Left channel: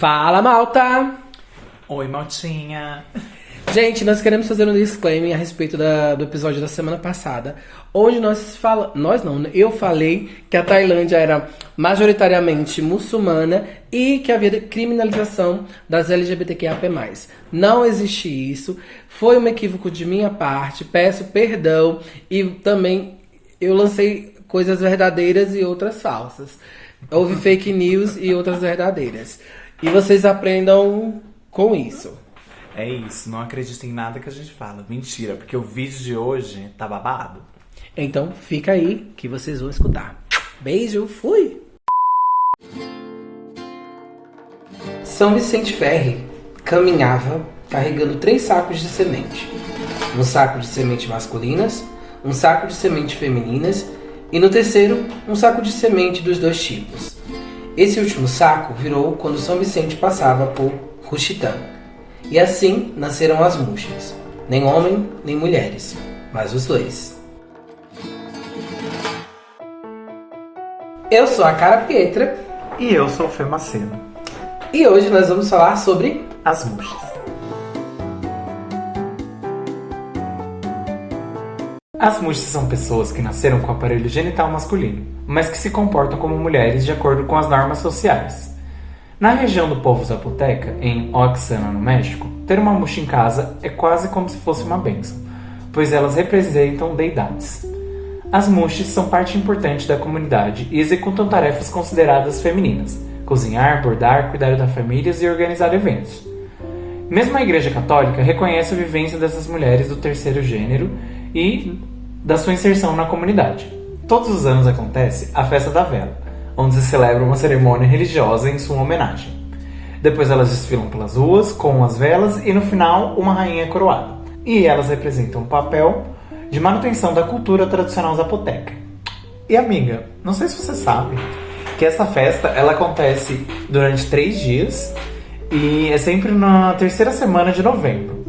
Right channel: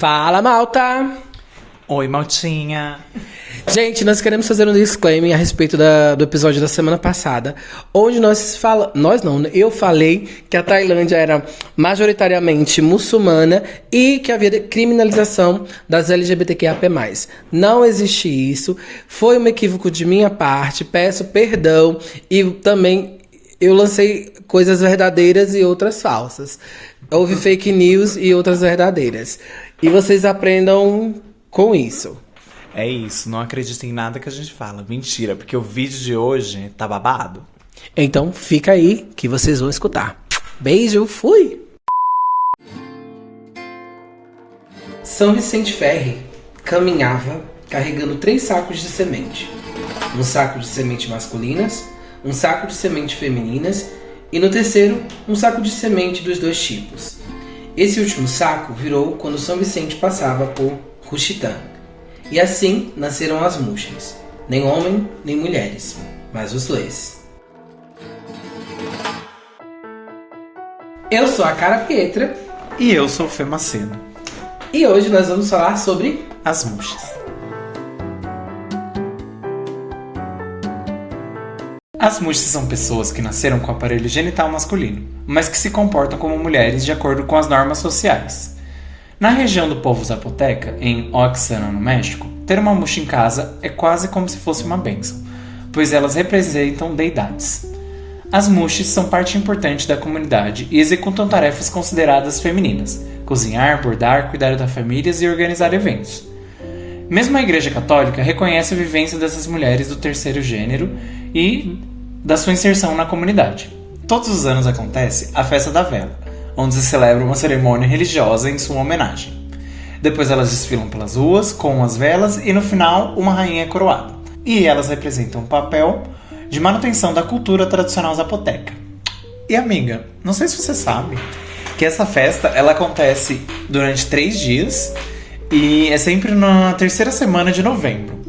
Fala, malta! Oi, maltinha! Gente, nós queremos fazer um disclaimer a respeito do episódio da semana passada, onde eu falei que a Tailândia era majoritariamente muçulmana e que havia criminalização das LGBTQIAP+. Não existe isso, foi um equívoco de minha parte, peço perdão e também eu lancei coisas verdadeiras e outras falsas. Houve fake news e outras verdadeiras. E vocês aprendam com isso. É isso, não acreditem em nada que a gente fala. Mentira, porque o vídeo de hoje tá babado. Então fica aí que vocês vão escutar. Beijo, fui! São Vicente Ferre caminhava carregando 3 sacos de semente. Um saco de semente masculinas, um saco de semente femininas e no terceiro, um saco de semente dos 2 tipos. Esse último saco virou quando São Vicente passava por Ruxitã. E assim nasceram as Muxes. Nem homem, nem mulheres, mas os 2. Eu sou a Cara Pietra. E eu sou o Fê Maceno. E hoje nós vamos falar sobre as Muxes. As Muxes são pessoas que nasceram com o aparelho genital masculino, mas que se comportam como mulheres de acordo com as normas sociais. Na região do povo zapoteca, em Oaxaca, no México, ter uma Muxe em casa é quase como se fosse uma bênção, pois elas representam deidades. As Muxes são parte importante da comunidade e executam tarefas consideradas femininas: cozinhar, bordar, cuidar das famílias e organizar eventos. Mesmo a Igreja Católica reconhece a vivência dessas mulheres do terceiro gênero e da sua inserção na comunidade. Todos os anos acontece a Festa da Vela, onde se celebra uma cerimônia religiosa em sua homenagem. Depois elas desfilam pelas ruas com as velas e no final uma rainha coroada. E elas representam um papel de manutenção da cultura tradicional zapoteca. E amiga, não sei se você sabe que essa festa ela acontece durante 3 dias e é sempre na terceira semana de novembro.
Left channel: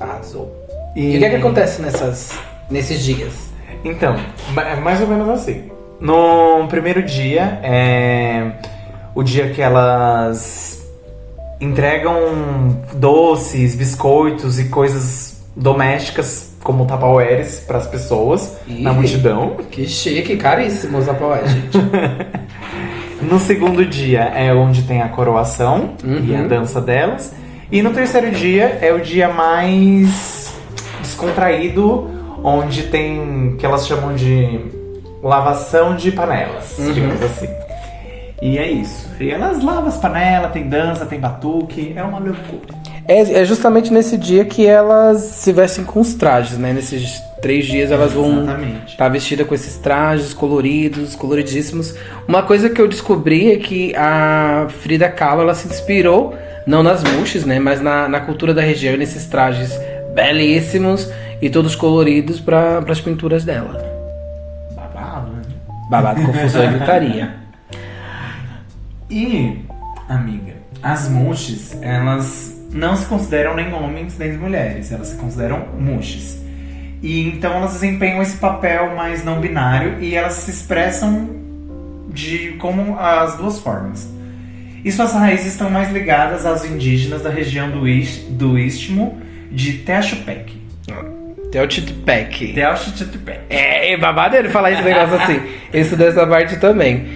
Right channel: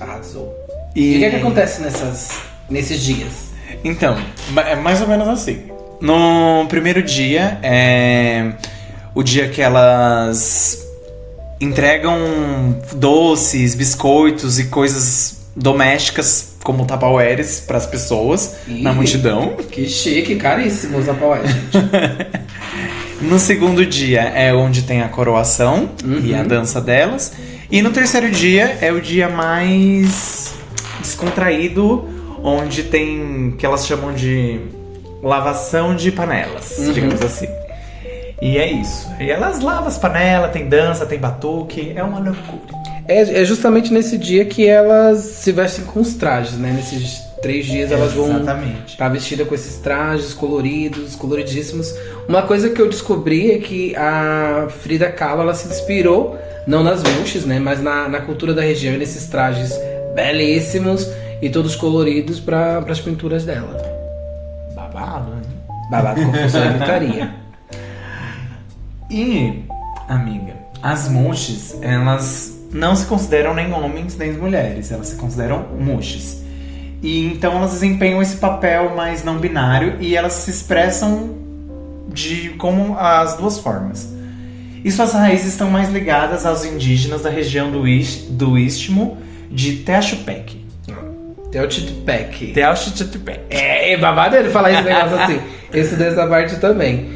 Arrasou. E o que acontece nesses dias? Então, é mais ou menos assim. No primeiro dia é o dia que elas entregam doces, biscoitos e coisas domésticas como tupperwares para as pessoas na multidão. Que chique, caríssimo os tupperwares, gente. No segundo dia é onde tem a coroação e a dança delas. E no terceiro dia é o dia mais descontraído, onde tem que elas chamam de lavação de panelas, digamos assim. E é isso. E elas lavam as panelas, tem dança, tem batuque, é uma loucura. É justamente nesse dia que elas se vestem com os trajes, né? Nesses 3 dias elas vão estar vestidas com esses trajes coloridos, coloridíssimos. Uma coisa que eu descobri é que a Frida Kahlo, ela se inspirou, não nas Muxes, né? Mas na cultura da região, nesses trajes belíssimos e todos coloridos para as pinturas dela. Babado, né? Babado, confusão e gritaria. E, amiga, as Muxes, elas não se consideram nem homens nem mulheres, elas se consideram Muxes. E então elas desempenham esse papel mais não binário e elas se expressam como as 2 formas. E suas raízes estão mais ligadas aos indígenas da região do Istmo de Teachupec. Teotihuacan. Teotihuacan. É babado ele falar esse negócio assim. Eu estudei essa parte também.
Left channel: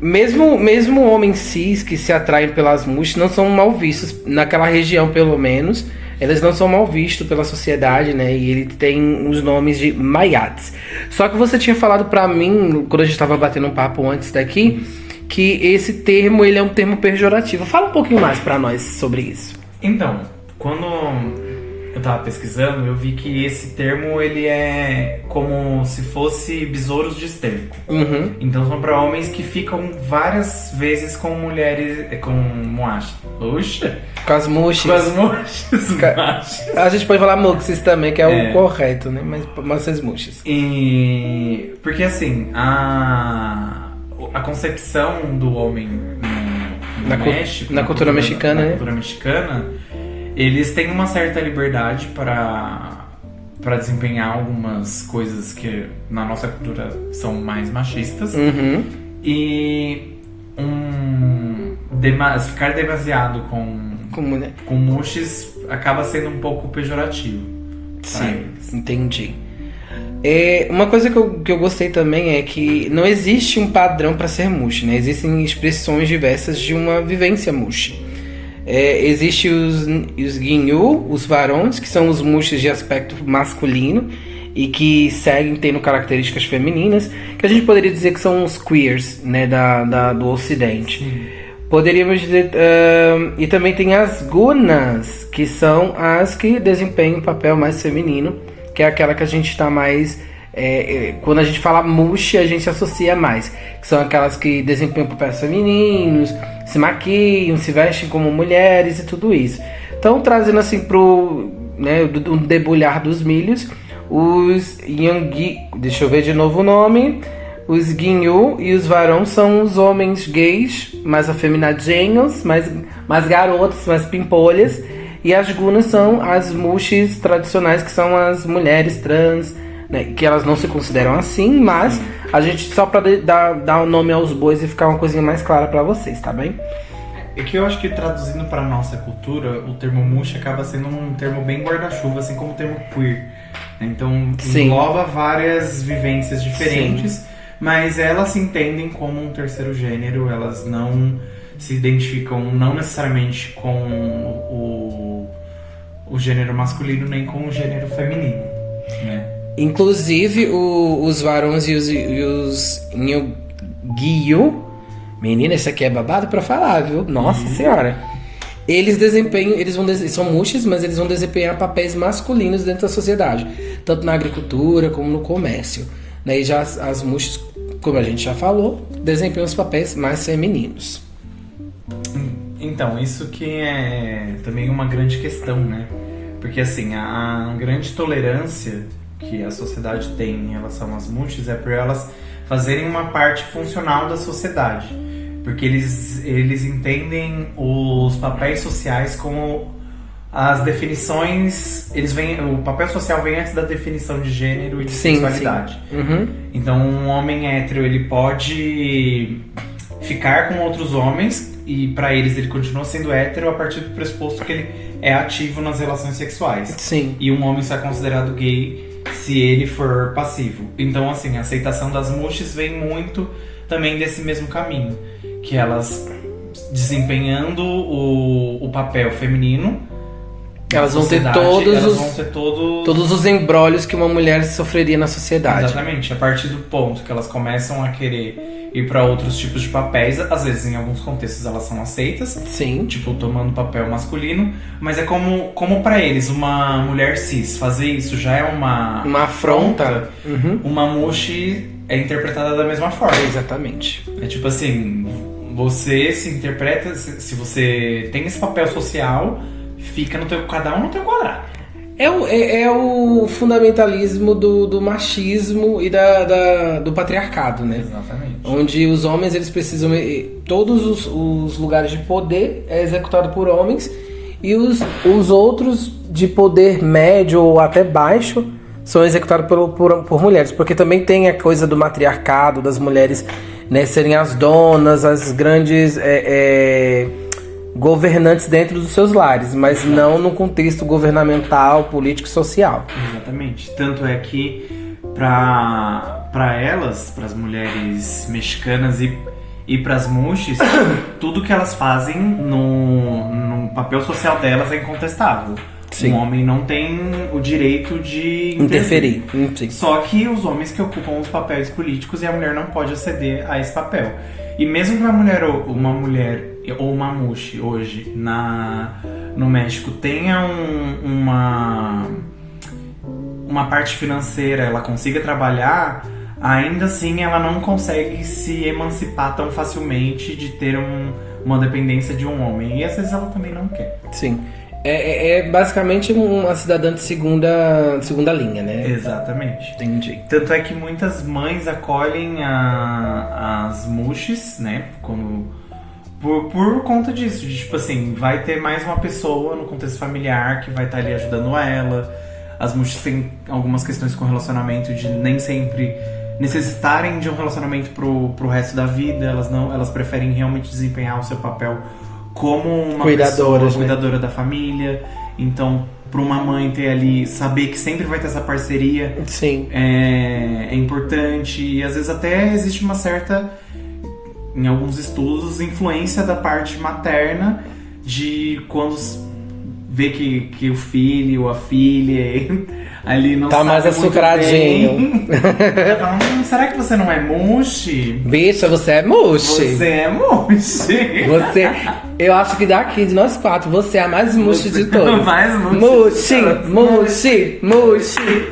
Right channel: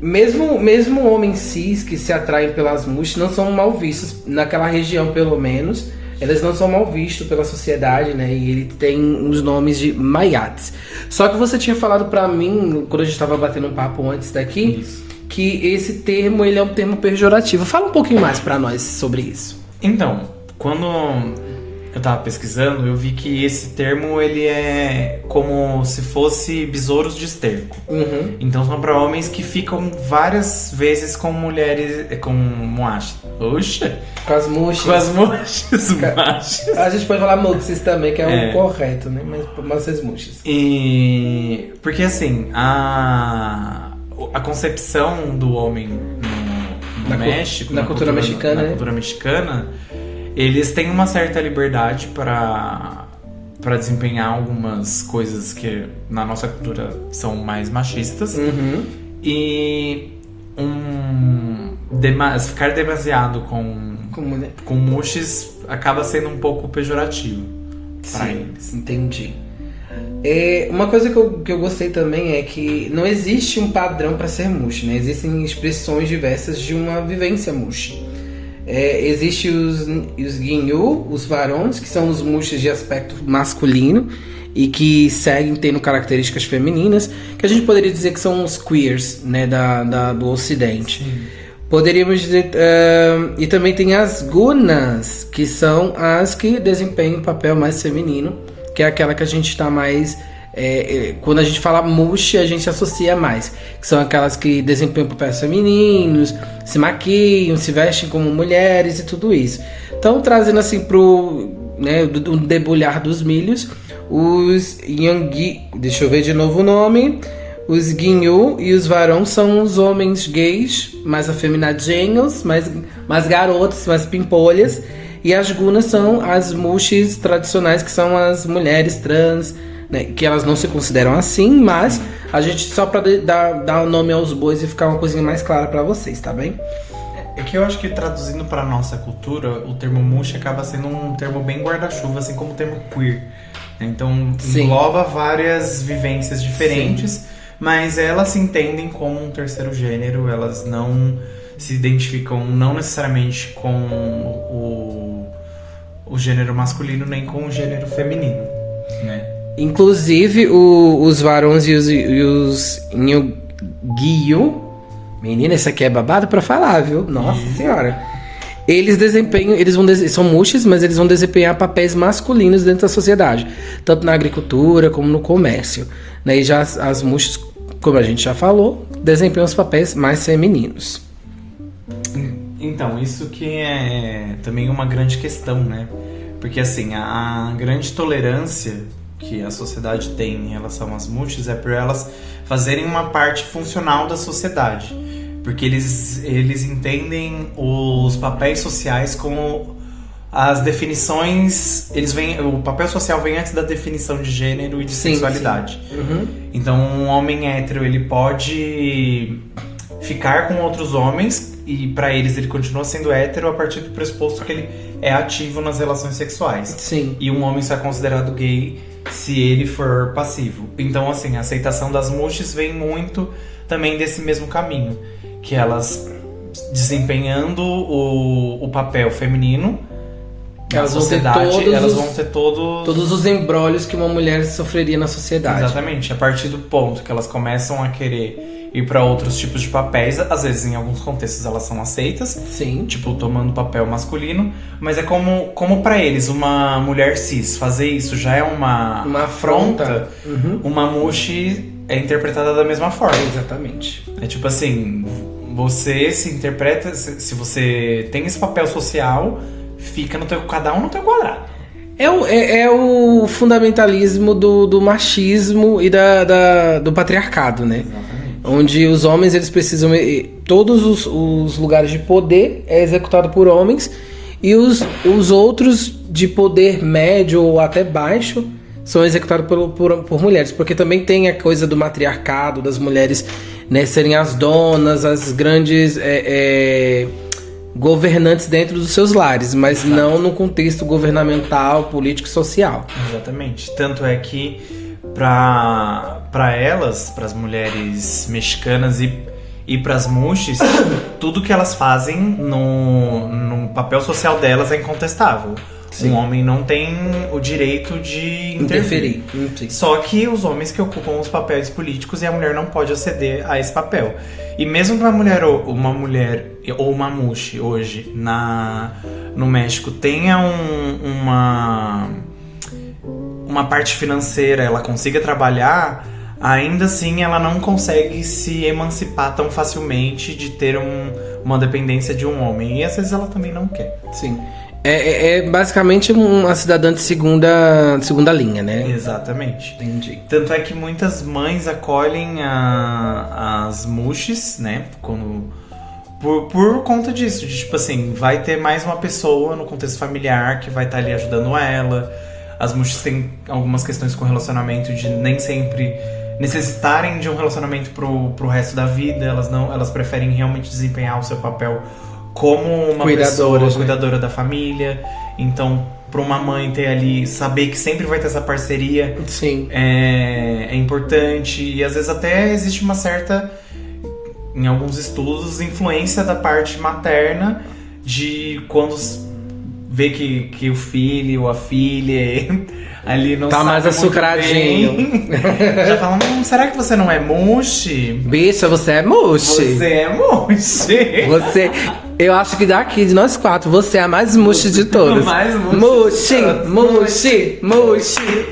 Mesmo homens cis que se atraem pelas Muxes não são mal vistos, naquela região pelo menos, eles não são mal vistos pela sociedade, né? E ele tem os nomes de Maiates. Só que você tinha falado pra mim, quando a gente tava batendo um papo antes daqui, que esse termo ele é um termo pejorativo. Fala um pouquinho mais pra nós sobre isso. Então, quando eu tava pesquisando, eu vi que esse termo ele é como se fosse besouros de esterco. Então são para homens que ficam várias vezes com mulheres, com moachas. Oxa! Com as Muxes. Com as Muxes. A gente pode falar Muxes também, que é o correto, né? Mas as Muxes. E porque assim, a concepção do homem no México, na cultura mexicana, na cultura mexicana, eles têm uma certa liberdade para desempenhar algumas coisas que na nossa cultura são mais machistas. E ficar demasiado Como, com mushes acaba sendo um pouco pejorativo pra sim, eles. entendi. Uma coisa que eu gostei também é que não existe um padrão para ser mushi, né? Existem expressões diversas de uma vivência mushi. Existem os ginyu, os varões, que são os mushis de aspecto masculino e que seguem tendo características femininas, que a gente poderia dizer que são os queers, né, do ocidente. Sim. Poderíamos dizer... e também tem as gunas, que são as que desempenham um papel mais feminino, que é aquela que a gente está mais... quando a gente fala mushi, a gente associa mais. Que são aquelas que desempenham papéis femininos, se maquiam, se vestem como mulheres e tudo isso. Então, trazendo assim pro debulhar dos milhos, os Yangi... Deixa eu ver de novo o nome... Os Ginyu e os Varão são os homens gays, mais afeminadinhos, mais garotos, mais pimpolhas. E as Gunas são as mushis tradicionais, que são as mulheres trans, né, que elas não se consideram assim, mas a gente, só pra dar o nome aos bois e ficar uma coisinha mais clara pra vocês, tá bem? É que eu acho que traduzindo pra nossa cultura, o termo mushi acaba sendo um termo bem guarda-chuva, assim como o termo queer. Então, Sim. engloba várias vivências diferentes. Sim. Mas elas se entendem como um terceiro gênero, elas não se identificam não necessariamente com o gênero masculino nem com o gênero feminino, né? Inclusive, os varões e os Nyogiyu, menina, isso aqui é babado pra falar, viu? Nossa senhora! Eles são mushis, mas eles vão desempenhar papéis masculinos dentro da sociedade, tanto na agricultura como no comércio. E já as mushis, como a gente já falou, desempenham os papéis mais femininos. Então, isso que é também uma grande questão, né? Porque assim, a grande tolerância que a sociedade tem em relação às mushis é por elas fazerem uma parte funcional da sociedade. Porque eles entendem os papéis sociais como as definições... o papel social vem antes da definição de gênero e de sexualidade. Sim. Uhum. Então, um homem hétero, ele pode ficar com outros homens e pra eles ele continua sendo hétero a partir do pressuposto que ele é ativo nas relações sexuais. Sim. E um homem só é considerado gay se ele for passivo. Então, assim, a aceitação das mushis vem muito também desse mesmo caminho. Que elas, desempenhando o papel feminino, elas vão ter todos os embrólios que uma mulher sofreria na sociedade. Exatamente. A partir do ponto que elas começam a querer ir para outros tipos de papéis, às vezes em alguns contextos elas são aceitas, sim, tipo tomando papel masculino, mas é como para eles uma mulher cis fazer isso já é uma afronta. Uhum. Uma mushi é interpretada da mesma forma. Exatamente. É tipo assim, você se interpreta, se você tem esse papel social, fica cada um no teu quadrado. É o fundamentalismo do machismo e do patriarcado, né? Exatamente. Onde os homens, eles precisam... Todos os lugares de poder é executado por homens e os outros de poder médio ou até baixo são executados por mulheres. Porque também tem a coisa do matriarcado, das mulheres, né, serem as donas, as grandes... governantes dentro dos seus lares, mas não no contexto governamental, político e social. Exatamente. Tanto é que para elas, para as mulheres mexicanas e para as mushis, tudo que elas fazem no papel social delas é incontestável. Sim. Um homem não tem o direito de interferir. Só que os homens que ocupam os papéis políticos e a mulher não pode aceder a esse papel. E mesmo que uma mulher ou uma mushi hoje no México tenha uma parte financeira, ela consiga trabalhar, ainda assim ela não consegue se emancipar tão facilmente de ter uma dependência de um homem. E às vezes ela também não quer. Sim. É basicamente uma cidadã de segunda linha, né? Exatamente. Entendi. Tanto é que muitas mães acolhem as mushis, né? Por conta disso. De, tipo assim, vai ter mais uma pessoa no contexto familiar que vai estar ali ajudando ela. As mushis têm algumas questões com relacionamento de nem sempre necessitarem de um relacionamento pro resto da vida, elas preferem realmente desempenhar o seu papel como uma Cuidadoras, pessoa cuidadora da família. Então, para uma mãe ter ali, saber que sempre vai ter essa parceria, Sim. é importante. E às vezes até existe uma certa, em alguns estudos, influência da parte materna, de quando vê que o filho ou a filha ali não tá sabe mais muito açucradinho. bem. Já falam, será que você não é mushi? Bicha, você é mushi. Você é mushi. Você, eu acho que daqui, de nós 4, você é a mais mushi de todas. Mais mushi. Mushi.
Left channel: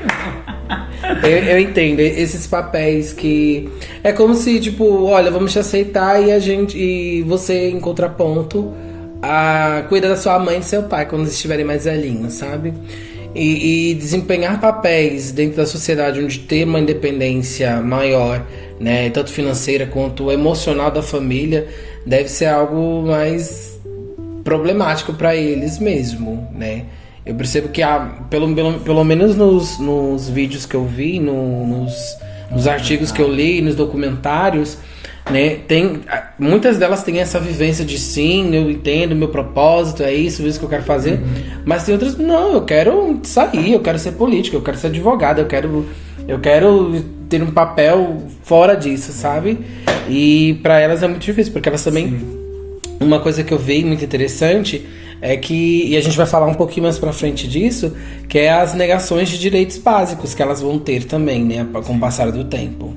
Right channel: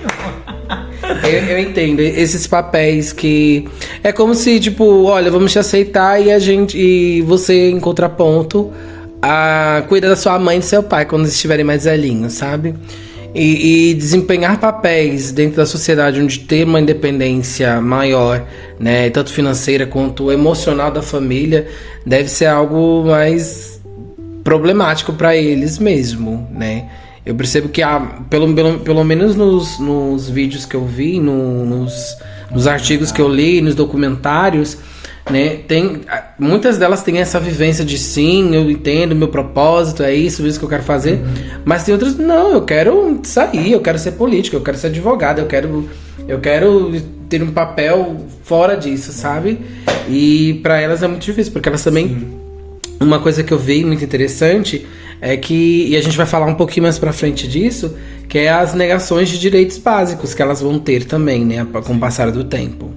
Eu entendo esses papéis que é como se, tipo, olha, vamos te aceitar e você, em contraponto, cuida da sua mãe e do seu pai quando eles estiverem mais velhinhos, sabe? E desempenhar papéis dentro da sociedade onde ter uma independência maior, né, tanto financeira quanto emocional da família, deve ser algo mais problemático para eles mesmo, né? Eu percebo que pelo menos nos vídeos que eu vi, nos artigos que eu li, nos documentários, né, muitas delas têm essa vivência de sim, eu entendo, meu propósito é isso que eu quero fazer, mas tem outras, não, eu quero sair, eu quero ser político, eu quero ser advogado, eu quero ter um papel fora disso, sabe? E para elas é muito difícil, porque elas também, uma coisa que eu vi muito interessante é que, e a gente vai falar um pouquinho mais pra frente disso, que é as negações de direitos básicos que elas vão ter também, né, com o passar do tempo.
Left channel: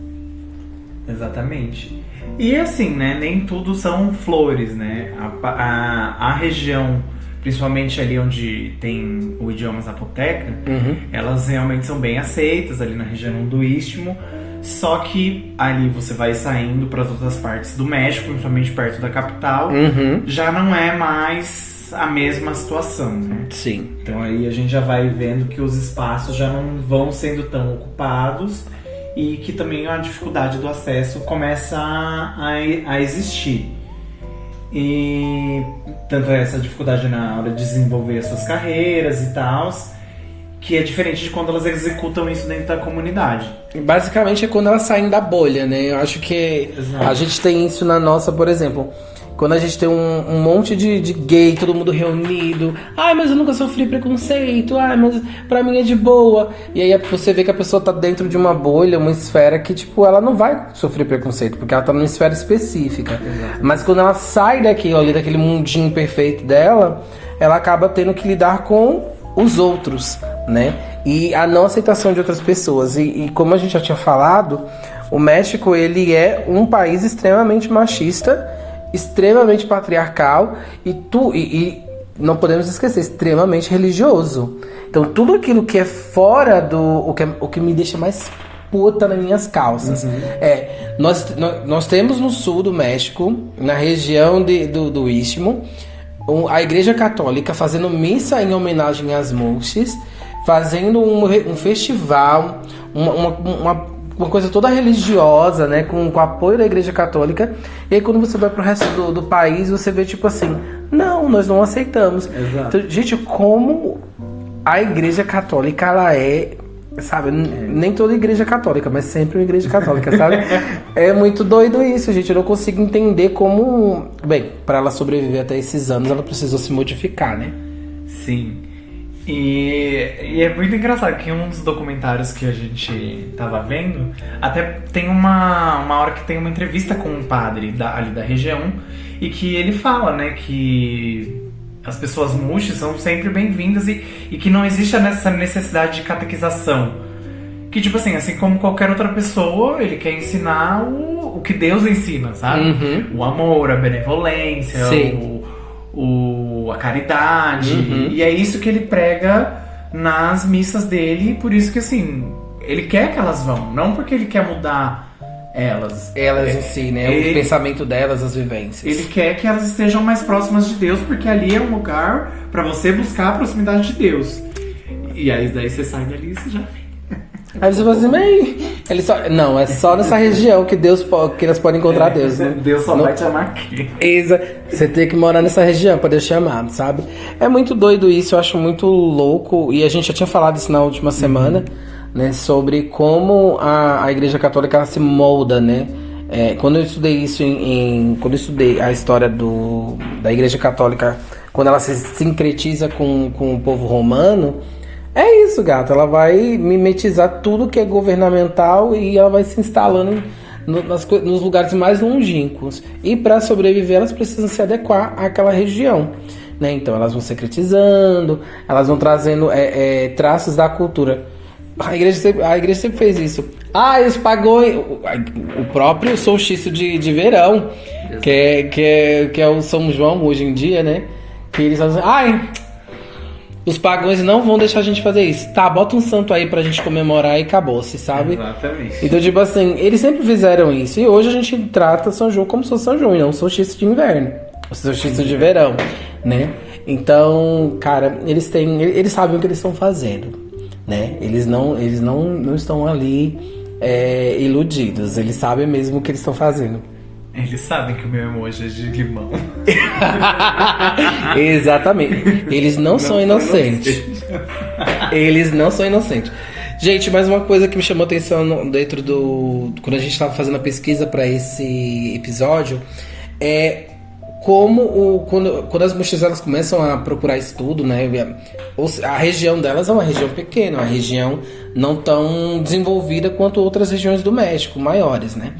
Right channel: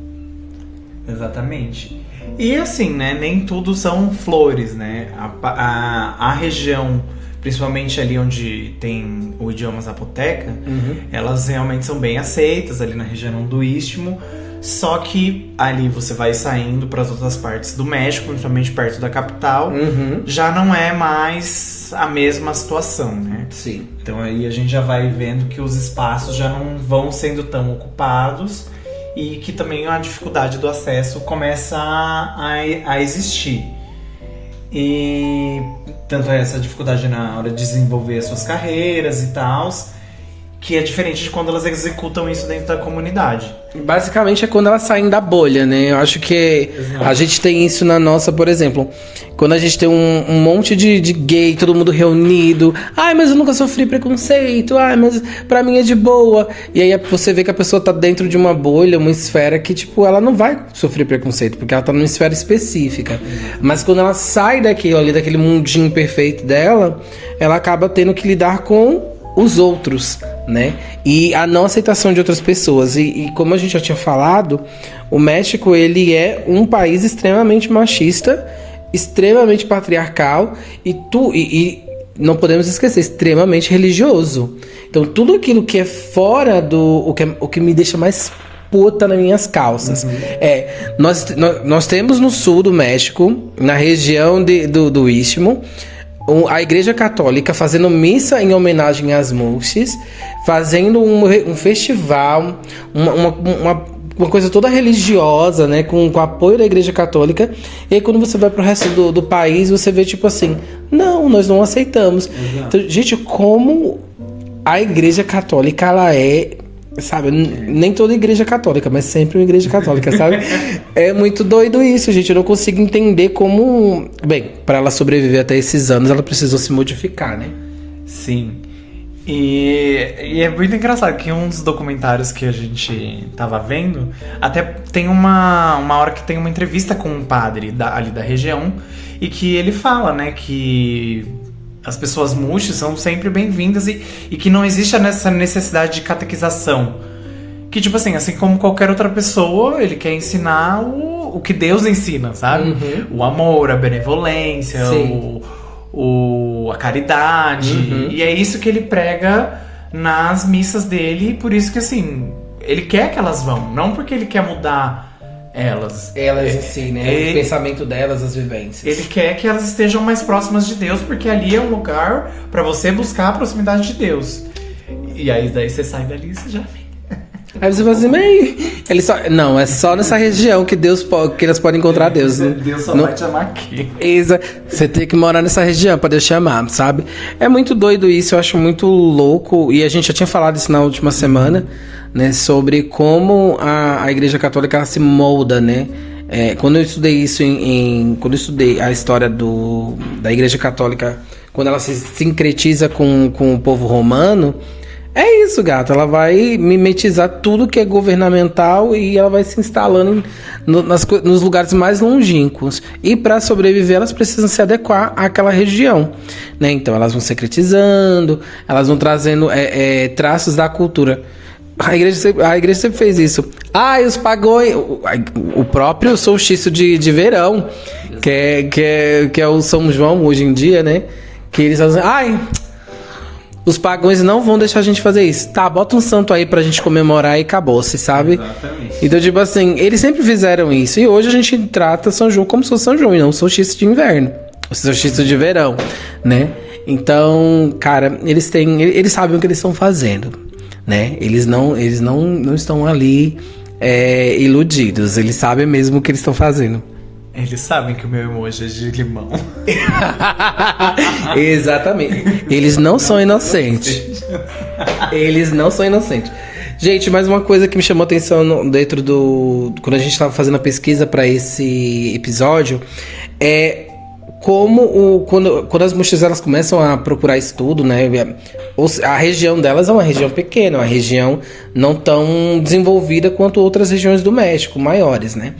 Exatamente. E assim, né, nem tudo são flores, né? A região, principalmente ali onde tem o idioma zapoteca, elas realmente são bem aceitas, ali na região do Istmo. Só que ali você vai saindo para as outras partes do México, principalmente perto da capital, já não é mais a mesma situação, né? Sim. Então aí a gente já vai vendo que os espaços já não vão sendo tão ocupados e que também a dificuldade do acesso começa a existir. E tanto é essa dificuldade na hora de desenvolver as suas carreiras e tal, que é diferente de quando elas executam isso dentro da comunidade. Basicamente é quando elas saem da bolha, né? Eu acho que a gente tem isso na nossa, por exemplo, quando a gente tem um monte de gay, todo mundo reunido. Ai, mas eu nunca sofri preconceito. Ai, mas pra mim é de boa. E aí você vê que a pessoa tá dentro de uma bolha, uma esfera que, tipo, ela não vai sofrer preconceito, porque ela tá numa esfera específica. Mas quando ela sai daquele mundinho perfeito dela, ela acaba tendo que lidar com os outros, né? E a não aceitação de outras pessoas. E como a gente já tinha falado, o México, ele é um país extremamente machista, extremamente patriarcal e não podemos esquecer, extremamente religioso. Então tudo aquilo que é fora o que me deixa mais puta nas minhas calças nós temos no sul do México, na região do Istmo, a Igreja Católica fazendo missa em homenagem às muxes, fazendo um festival, uma coisa toda religiosa, né, com o apoio da Igreja Católica. E aí quando você vai pro resto do país, você vê tipo assim, não, nós não aceitamos. Exato. Então, gente, como a Igreja Católica, ela sabe, nem toda igreja católica, mas sempre uma igreja católica, sabe? É muito doido isso, gente. Eu não consigo entender como... Bem, para ela sobreviver até esses anos, ela precisou se modificar, né? Sim. E é muito engraçado que um dos documentários que a gente tava vendo, até tem uma hora que tem uma entrevista com um padre ali da região, e que ele fala, né, que as pessoas muxes são sempre bem-vindas e que não existe essa necessidade de catequização. Que, tipo assim como qualquer outra pessoa, ele quer ensinar o que Deus ensina, sabe? O amor, a benevolência, a caridade. E é isso que ele prega nas missas dele, e por isso que, assim, ele quer que elas vão. Não porque ele quer mudar elas em si, né? O pensamento delas, as vivências. Ele quer que elas estejam mais próximas de Deus, porque ali é um lugar pra você buscar a proximidade de Deus. E aí daí você sai dali e você já vem. Aí você fala assim, mas ele só... Não, é só nessa região que que elas podem encontrar Deus. Deus só vai te amar aqui. Você tem que morar nessa região pra Deus te amar, sabe? É muito doido isso, eu acho muito louco. E a gente já tinha falado isso na última semana, né? Sobre como a Igreja Católica ela se molda, né? Quando eu estudei isso quando eu estudei a história da Igreja Católica, quando ela se sincretiza com o povo romano, é isso, gata. Ela vai mimetizar tudo que é governamental e ela vai se instalando nos lugares mais longínquos. E para sobreviver, elas precisam se adequar àquela região, né? Então, elas vão secretizando, elas vão trazendo traços da cultura. A igreja sempre fez isso. E os pagões... O próprio solstício de verão, que é o São João hoje em dia, né? Que eles fazem... Os pagões não vão deixar a gente fazer isso. Tá, bota um santo aí pra gente comemorar e acabou-se, sabe? Exatamente. Então, tipo assim, eles sempre fizeram isso. E hoje a gente trata São João como se fosse São João, e não o solstício de inverno. O solstício de verão, né? Então, cara, eles sabem o que eles estão fazendo, né? Eles não estão ali iludidos. Eles sabem mesmo o que eles estão fazendo. Eles sabem que o meu emoji é de limão. Exatamente. Eles não são inocentes. Eles não são inocentes. Gente, mais uma coisa que me chamou a atenção dentro quando a gente estava fazendo a pesquisa para esse episódio é como quando as mulheres elas começam a procurar estudo, né? A região delas é uma região pequena, uma região não tão desenvolvida quanto outras regiões do México, maiores, né?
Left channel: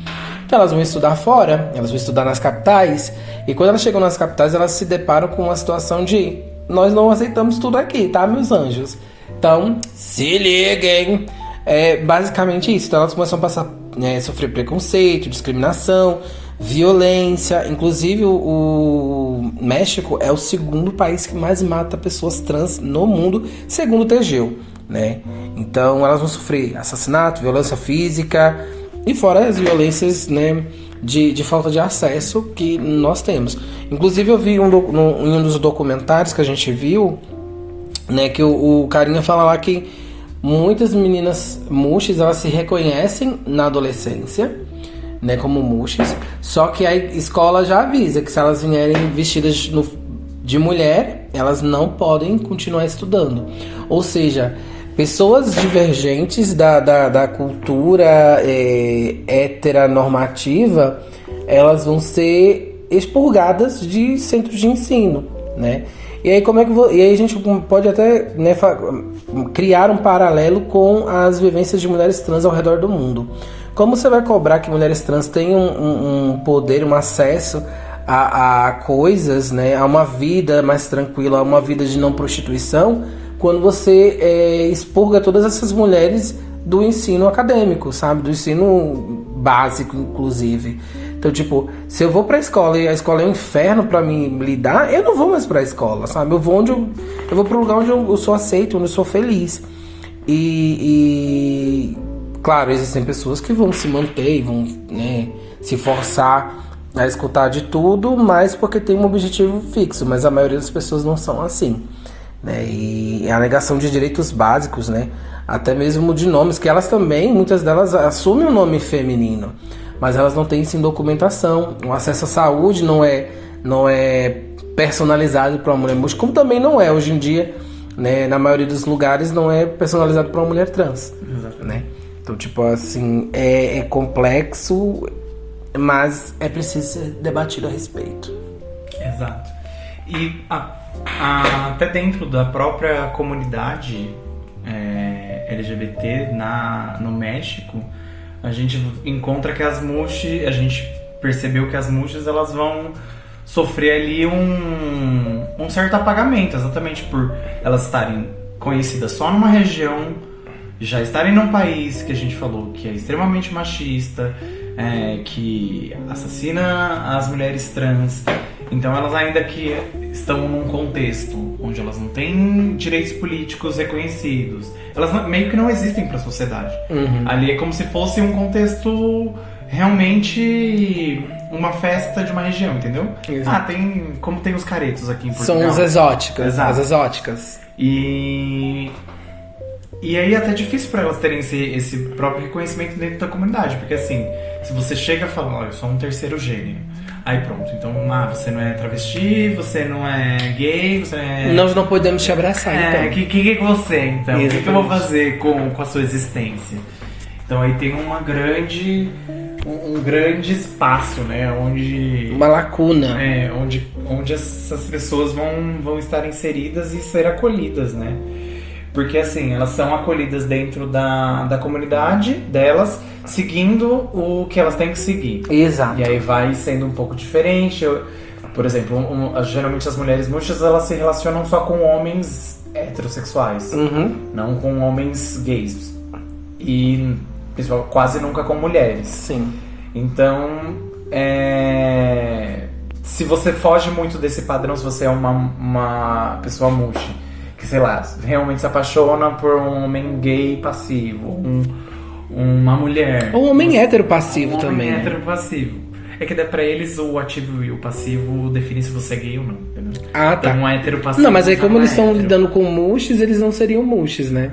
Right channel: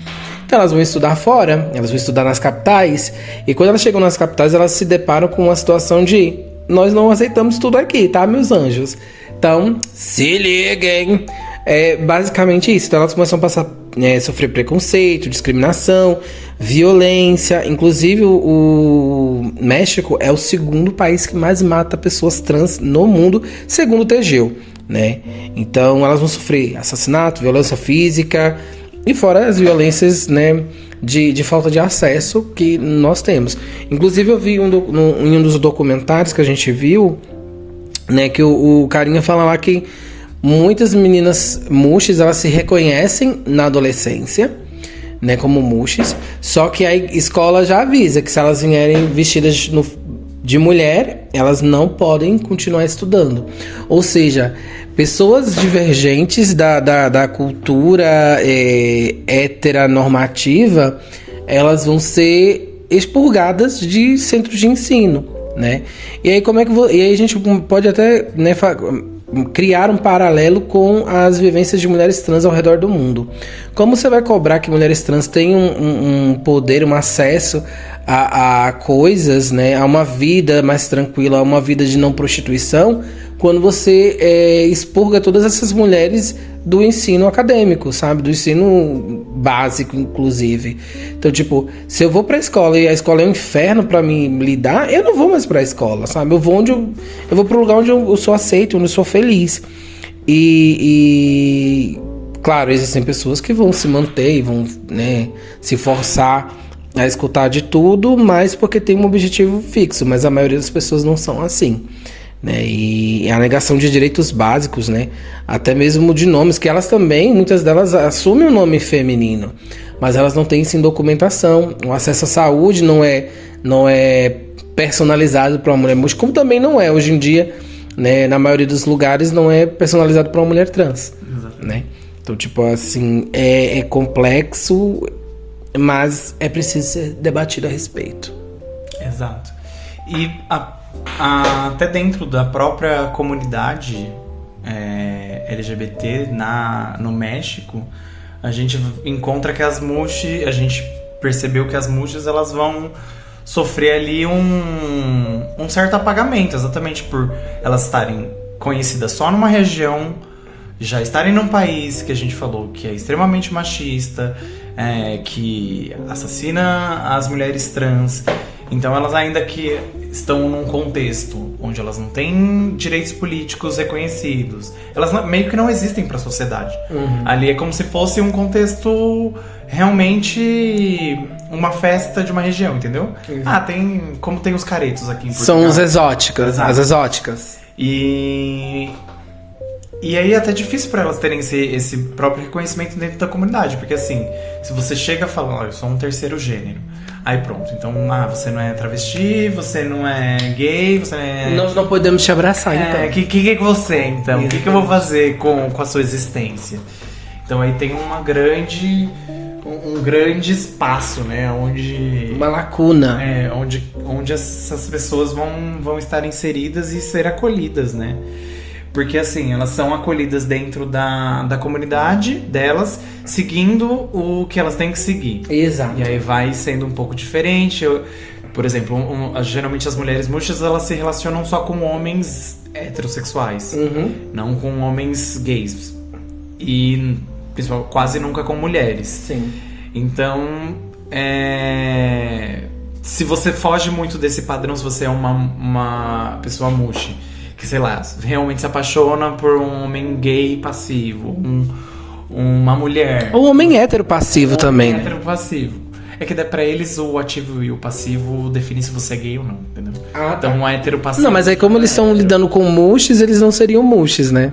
Então elas vão estudar fora, elas vão estudar nas capitais, e quando elas chegam nas capitais, elas se deparam com uma situação de nós não aceitamos tudo aqui, tá, meus anjos? Então, se liguem! É basicamente isso. Então elas começam a sofrer preconceito, discriminação, violência. Inclusive o México é o segundo país que mais mata pessoas trans no mundo, segundo o Tegeu, né? Então elas vão sofrer assassinato, violência física e fora as violências, né, de falta de acesso que nós temos. Inclusive eu vi em um dos documentários que a gente viu, né, que o carinha fala lá que muitas meninas muxes, elas se reconhecem na adolescência, né, como muxes, só que a escola já avisa que se elas vierem vestidas de mulher, elas não podem continuar estudando. Ou seja, pessoas divergentes da cultura heteronormativa, elas vão ser expurgadas de centros de ensino, né? E aí e aí a gente pode até, né, criar um paralelo com as vivências de mulheres trans ao redor do mundo. Como você vai cobrar que mulheres trans tenham um poder, um acesso a coisas, né, a uma vida mais tranquila, a uma vida de não prostituição, quando você expurga todas essas mulheres do ensino acadêmico, sabe? Do ensino básico, inclusive. Então, tipo, se eu vou pra escola e a escola é um inferno pra mim lidar, eu não vou mais pra escola, sabe? Eu vou pro lugar onde eu sou aceito, onde eu sou feliz. E claro, existem pessoas que vão se manter e vão, né, se forçar a escutar de tudo, mas porque tem um objetivo fixo. Mas a maioria das pessoas não são assim, né? E a negação de direitos básicos, né? Até mesmo de nomes, que elas também, muitas delas assumem o nome feminino, mas elas não têm isso em documentação. O acesso à saúde não é personalizado para uma mulher muxa, como também não é hoje em dia, né? Na maioria dos lugares não é personalizado para uma mulher trans. Exatamente. Né? Então, tipo assim, é complexo, mas é preciso ser debatido a respeito. Exato. E até dentro da própria comunidade LGBT no México, a gente encontra que a gente percebeu que as muxes elas vão sofrer ali um certo apagamento, exatamente por elas estarem conhecidas só numa região, já estarem num país que a gente falou que é extremamente machista, que assassina as mulheres trans. Então elas ainda que estão num contexto onde elas não têm direitos políticos reconhecidos, elas meio que não existem para a sociedade. Uhum. Ali é como se fosse um contexto realmente uma festa de uma região, entendeu? Uhum. Como tem os caretos aqui em Portugal. São os exóticos, as exóticas. E E aí é até difícil pra elas terem esse próprio reconhecimento dentro da comunidade. Porque assim, se você chega e fala, olha, eu sou um terceiro gênero. Aí pronto, então você não é travesti, você não é gay, você é... Nós não podemos te abraçar, então. O que é você, então? O que eu vou fazer com a sua existência? Então aí tem um grande espaço, né? Onde... Uma lacuna. Onde essas pessoas vão estar inseridas e ser acolhidas, né? Porque assim, elas são acolhidas dentro da comunidade delas, seguindo o que elas têm que seguir. Exato. E aí vai sendo um pouco diferente. Por exemplo, geralmente as mulheres murchas, elas se relacionam só com homens heterossexuais, não com homens gays. E quase nunca com mulheres. Sim. Então, se você foge muito desse padrão, se você é uma pessoa murcha, que, sei lá, realmente se apaixona por um homem gay passivo, uma mulher... Ou um homem hétero passivo também. Um homem hétero passivo. É que dá pra eles o ativo e o passivo definem se você é gay ou não, entendeu? Ah, tá. Então, um hétero passivo... Não, mas aí como eles estão lidando com mushes, eles não seriam mushes, né?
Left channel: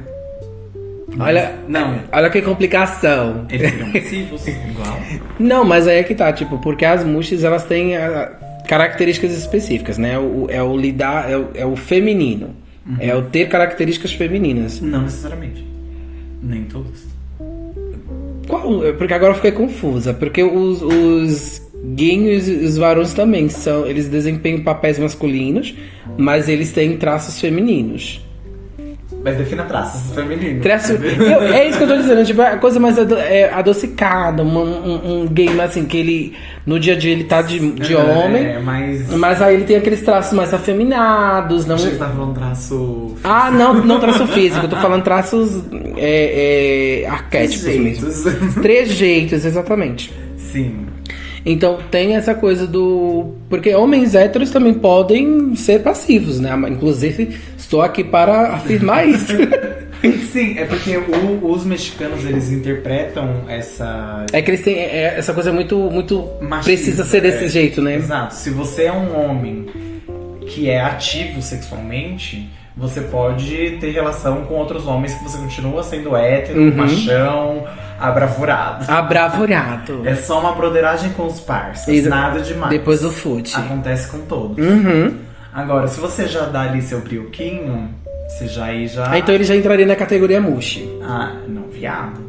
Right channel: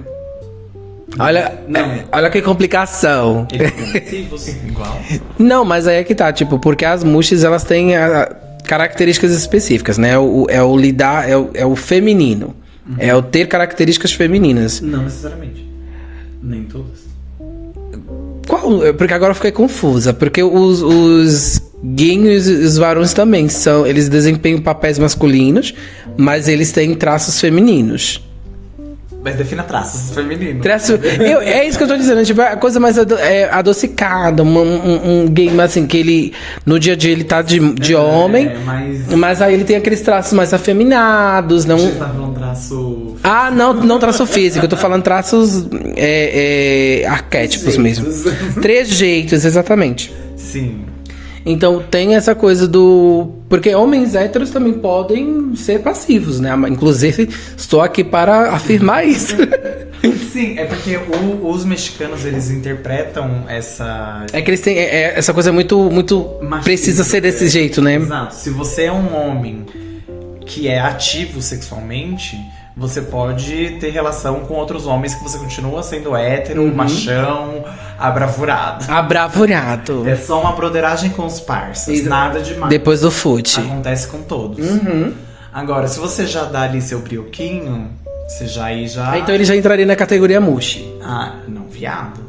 Olha que complicação. Eles são passivos, igual. Não, mas aí é que tá, tipo, porque as mushes, elas têm características específicas, né? É o feminino. É o ter características femininas. Não necessariamente. Nem todas. Qual? Porque agora eu fiquei confusa. Porque os gays e os varões também eles desempenham papéis masculinos, mas eles têm traços femininos. Mas defina traços femininos. É isso que eu tô dizendo, tipo, a coisa mais adocicada, um gay mais assim, que ele, no dia a dia ele tá de homem, mas aí ele tem aqueles traços mais afeminados, não... Você tá falando traço... Ah, não traço físico, eu tô falando traços arquétipos mesmo. Trejeitos, exatamente. Sim. Então tem essa coisa do... Porque homens héteros também podem ser passivos, né? Inclusive, estou aqui para afirmar isso. Sim, é porque os mexicanos, eles interpretam essa... É que eles têm essa coisa muito machista, precisa ser desse jeito, né? Exato. Se você é um homem que é ativo sexualmente, você pode ter relação com outros homens que você continua sendo hétero, machão... Abravurado. É só uma broderagem com os parceiros. Nada demais. Depois do fute. Acontece com todos. Agora, se você já dá ali seu brioquinho, você já... Então ele já entraria na categoria mushi. Ah, não, viado.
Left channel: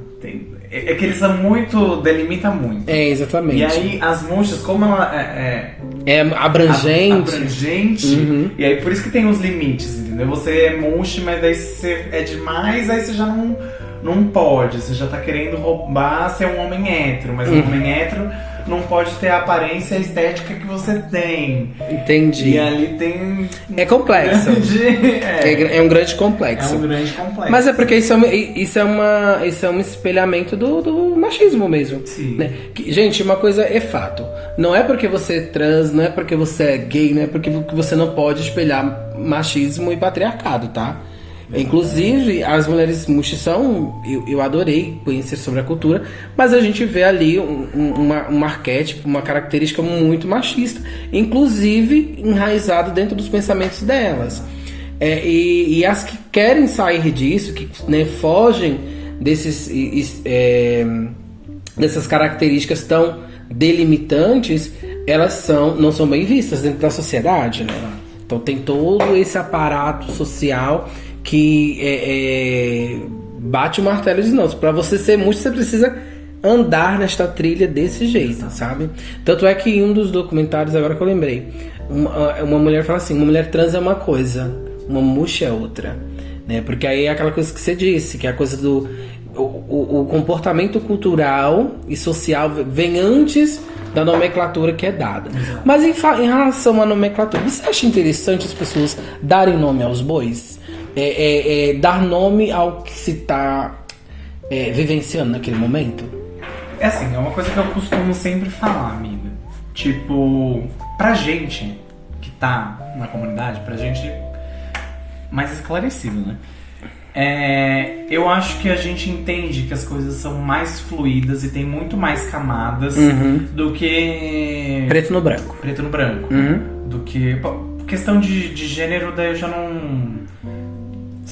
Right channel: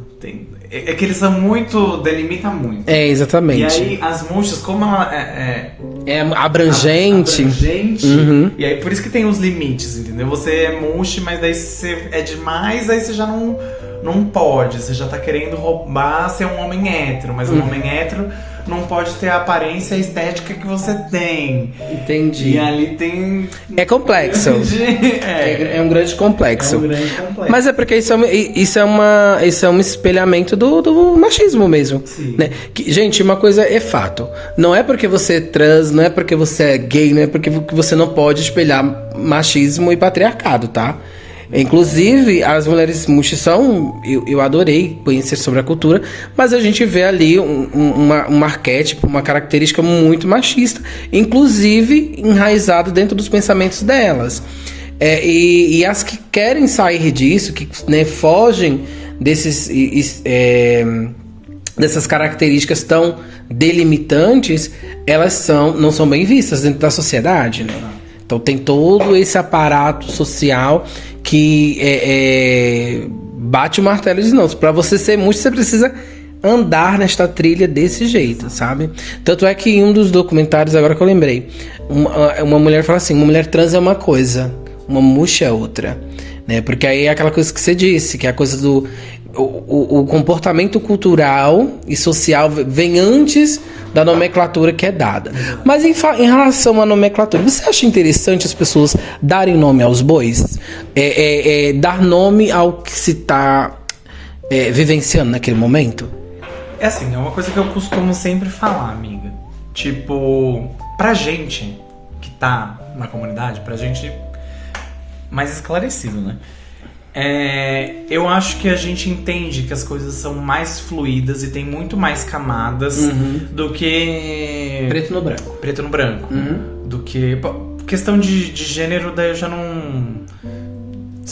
É que eles são muito... Delimita muito. É, exatamente. E aí, as mushas, como ela é abrangente. E aí, por isso que tem os limites, entendeu? Você é mushi, mas daí você é demais, aí você já não pode, você já tá querendo roubar ser um homem hétero, mas um homem hétero não pode ter a aparência estética que você tem. Entendi. E ali tem... É complexo. É um grande complexo. Mas é porque isso é um espelhamento do machismo mesmo. Sim. Né? Gente, uma coisa é fato. Não é porque você é trans, não é porque você é gay, não é porque você não pode espelhar machismo e patriarcado, tá? Inclusive, as mulheres muxis são... Eu adorei conhecer sobre a cultura, mas a gente vê ali um arquétipo, uma característica muito machista, inclusive enraizado dentro dos pensamentos delas. E as que querem sair disso, que, né, fogem dessas características tão delimitantes, elas não são bem vistas dentro da sociedade, né? Então tem todo esse aparato social que bate o martelo e diz, não, pra você ser muxo, você precisa andar nesta trilha desse jeito, sabe? Tanto é que em um dos documentários, agora que eu lembrei, uma mulher fala assim, uma mulher trans é uma coisa, uma muxa é outra, né? Porque aí é aquela coisa que você disse, que é a coisa do... O comportamento cultural e social vem antes da nomenclatura que é dada. Mas em relação à nomenclatura, você acha interessante as pessoas darem nome aos bois? Dar nome ao que se está vivenciando naquele momento? É assim, é uma coisa que eu costumo sempre falar, amiga. Tipo, pra gente que tá na comunidade, pra gente mais esclarecido, né? Eu acho que a gente entende que as coisas são mais fluídas e tem muito mais camadas do que... Preto no branco. Preto no branco. Do que... Bom, questão de gênero, daí eu já não...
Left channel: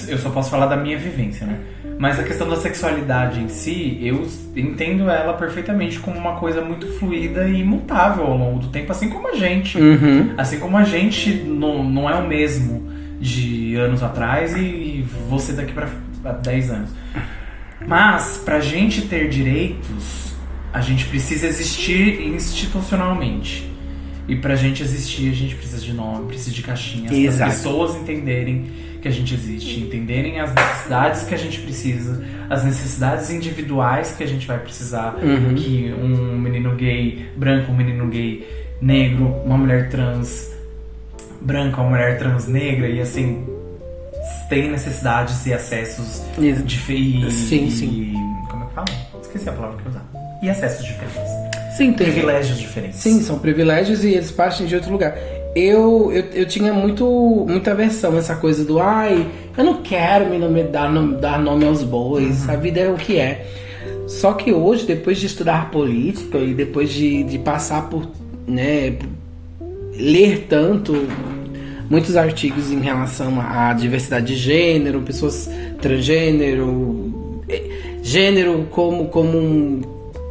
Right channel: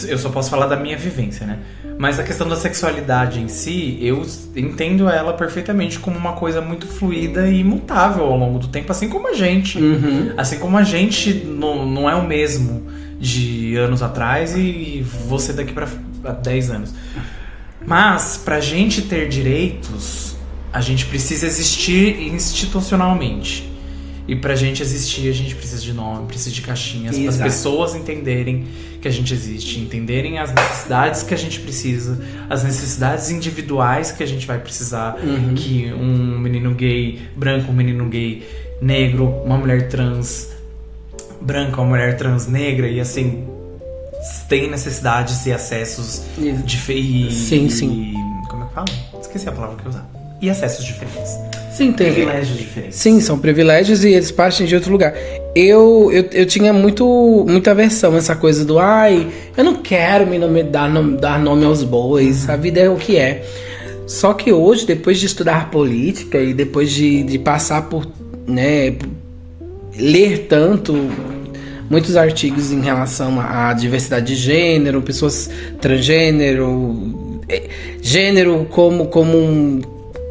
Eu só posso falar da minha vivência, né? Mas a questão da sexualidade em si, eu entendo ela perfeitamente como uma coisa muito fluida e imutável ao longo do tempo, assim como a gente. Assim como a gente não é o mesmo de anos atrás e você daqui pra 10 anos. Mas, pra gente ter direitos, a gente precisa existir institucionalmente. E pra gente existir, a gente precisa de nome, precisa de caixinhas, para as pessoas entenderem que a gente existe, entenderem as necessidades que a gente precisa, as necessidades individuais que a gente vai precisar, que um menino gay branco, um menino gay negro, uma mulher trans branca, uma mulher trans negra, e assim, tem necessidades e acessos diferentes. Sim. Como é que fala? Esqueci a palavra que eu usava. E acessos diferentes. Sim, tem privilégios diferentes. Sim, são privilégios e eles partem de outro lugar. Eu tinha muita aversão a essa coisa do eu não quero dar nome aos bois, a vida é o que é. Só que hoje, depois de estudar política e depois de passar por, né, ler muitos artigos em relação à diversidade de gênero, pessoas transgênero, gênero como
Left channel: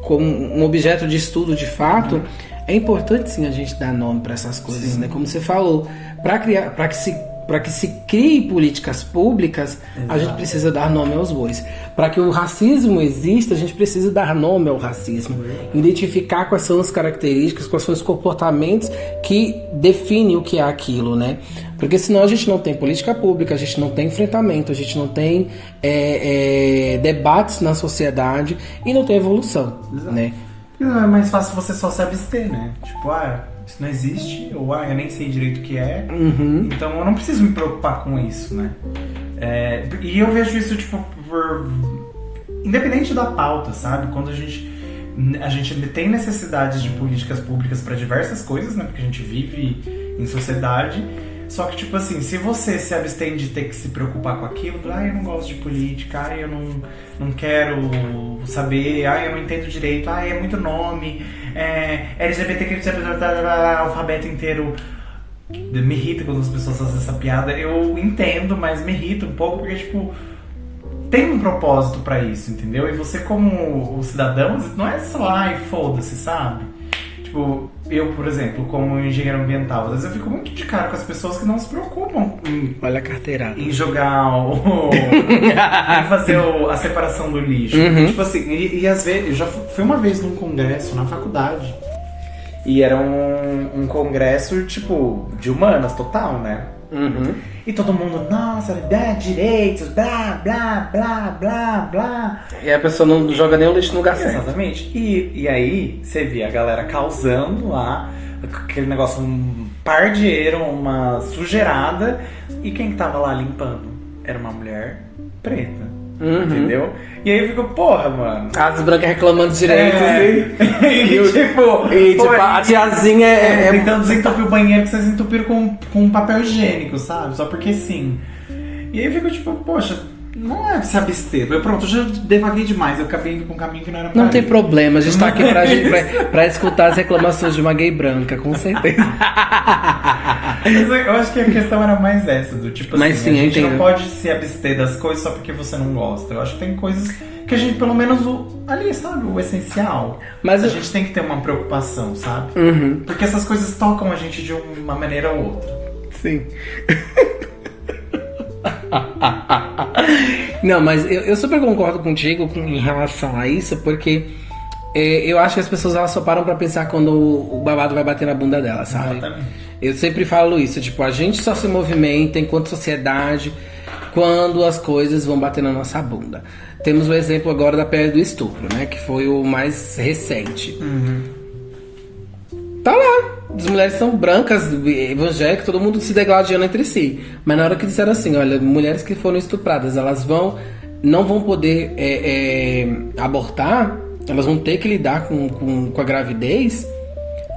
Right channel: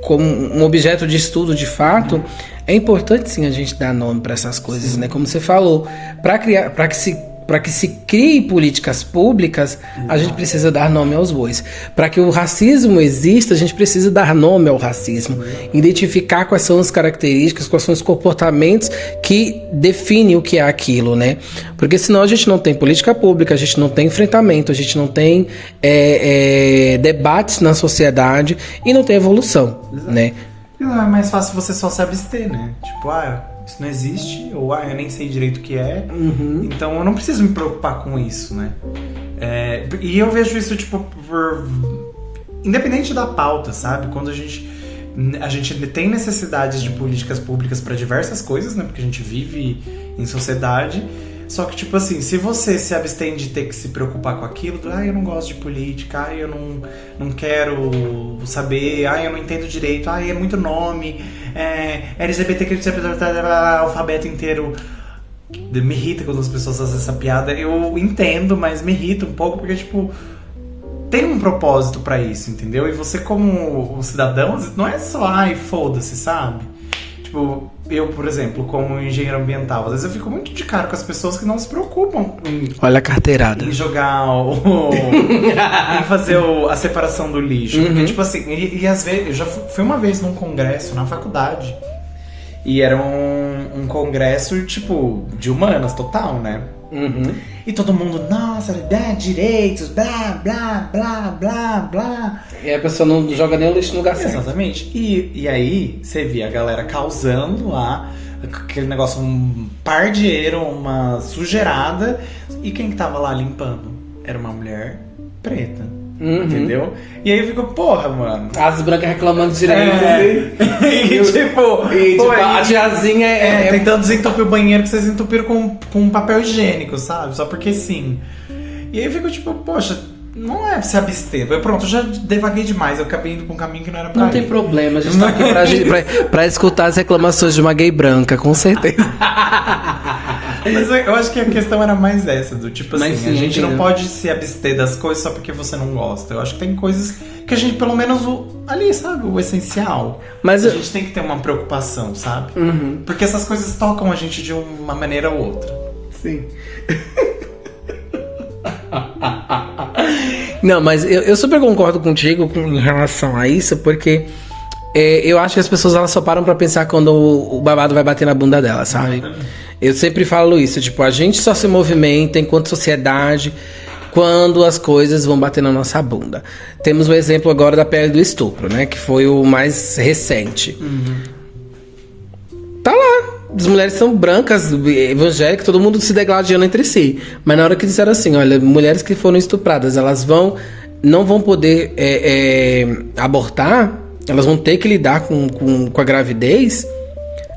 um objeto de estudo de fato, é importante sim a gente dar nome para essas coisas, né? Como você falou, para que se crie políticas públicas, a gente precisa dar nome aos bois. Para que o racismo exista, a gente precisa dar nome ao racismo, identificar quais são as características, quais são os comportamentos que definem o que é aquilo, né? Porque senão a gente não tem política pública, a gente não tem enfrentamento, a gente não tem debates na sociedade e não tem evolução, né? Não, é mais fácil você só se abster, né? Tipo, isso não existe, ou eu nem sei direito o que é, então eu não preciso me preocupar com isso, né? E eu vejo isso, tipo, independente da pauta, sabe? Quando a gente tem necessidades de políticas públicas para diversas coisas, né? Porque a gente vive em sociedade. Só que, tipo assim, se você se abstém de ter que se preocupar com aquilo, eu não gosto de política, eu não quero saber, eu não entendo direito, é muito nome, LGBT, alfabeto inteiro. Me irrita quando as pessoas fazem essa piada. Eu entendo, mas me irrita um pouco, porque, tipo, tem um propósito pra isso, entendeu? E você, como um cidadão, não é só, foda-se, sabe? Tipo, eu, por exemplo, como engenheiro ambiental, às vezes eu fico muito de cara com as pessoas que não se preocupam olha a carteirada. Em jogar em fazer a separação do lixo. Porque, tipo assim, e às vezes, eu já fui uma vez num congresso na faculdade. E era um congresso, tipo, de humanas total, né? E todo mundo, nossa, direitos, blá, blá, blá, blá, blá. E a pessoa não joga nem o lixo no lugar certo. Exatamente. E aí, você via a galera causando lá, aquele negócio, um pardieiro, uma sujeirada. E quem que tava lá limpando? Era uma mulher preta. Entendeu? E aí eu fico, porra, mano. As brancas reclamando direito. Tipo, a tiazinha tentando desentupir o banheiro que vocês entupiram com papel higiênico, sabe? Só porque sim. E aí eu fico tipo, poxa, não é se abster. Pronto, eu já devaguei demais. Eu acabei indo com um caminho que não era pra Não ir. tem problema, a gente tá aqui pra escutar as reclamações de uma gay branca, com certeza. Mas eu acho que a questão era mais essa, do tipo assim, sim, a gente não pode se abster das coisas só porque você não gosta. Eu acho que tem coisas que a gente, pelo menos, ali, sabe, o essencial. Mas a gente tem que ter uma preocupação, sabe? Porque essas coisas tocam a gente de uma maneira ou outra. Sim. Não, mas eu super concordo contigo em relação a isso, porque eu acho que as pessoas elas só param pra pensar quando o babado vai bater na bunda dela, sabe? Eu sempre falo isso, tipo, a gente só se movimenta enquanto sociedade quando as coisas vão bater na nossa bunda. Temos o exemplo agora da pele do estupro, né? Que foi o mais recente. Tá lá. As mulheres são brancas, evangélicas, todo mundo se degladiando entre si. Mas na hora que disseram assim, olha, mulheres que foram estupradas, elas não vão poder abortar, elas vão ter que lidar com a gravidez.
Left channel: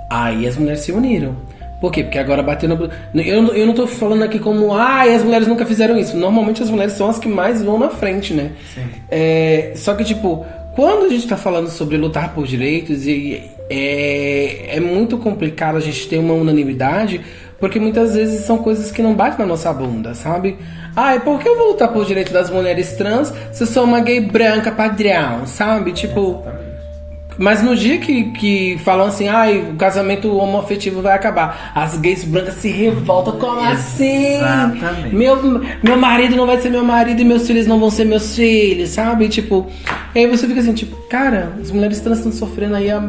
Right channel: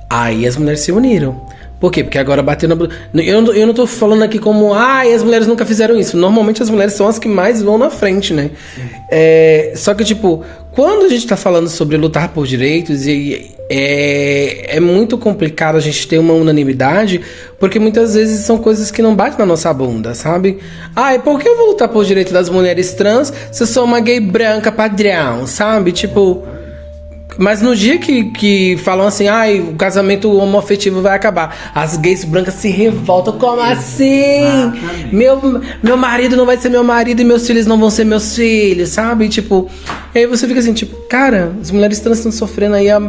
Aí as mulheres se uniram. Por quê? Porque agora bateu na... Eu não tô falando aqui como... as mulheres nunca fizeram isso. Normalmente as mulheres são as que mais vão na frente, né? Só que, tipo, quando a gente tá falando sobre lutar por direitos, é muito complicado a gente ter uma unanimidade, porque muitas vezes são coisas que não batem na nossa bunda, sabe? Ai, por que eu vou lutar por direito das mulheres trans se eu sou uma gay branca padrão, sabe? Tipo... Mas no dia que falam assim, ai, o casamento homoafetivo vai acabar, as gays brancas se revoltam, como assim? Meu marido não vai ser meu marido e meus filhos não vão ser meus filhos, sabe? Tipo, aí você fica assim, tipo, cara, as mulheres trans estão sofrendo aí há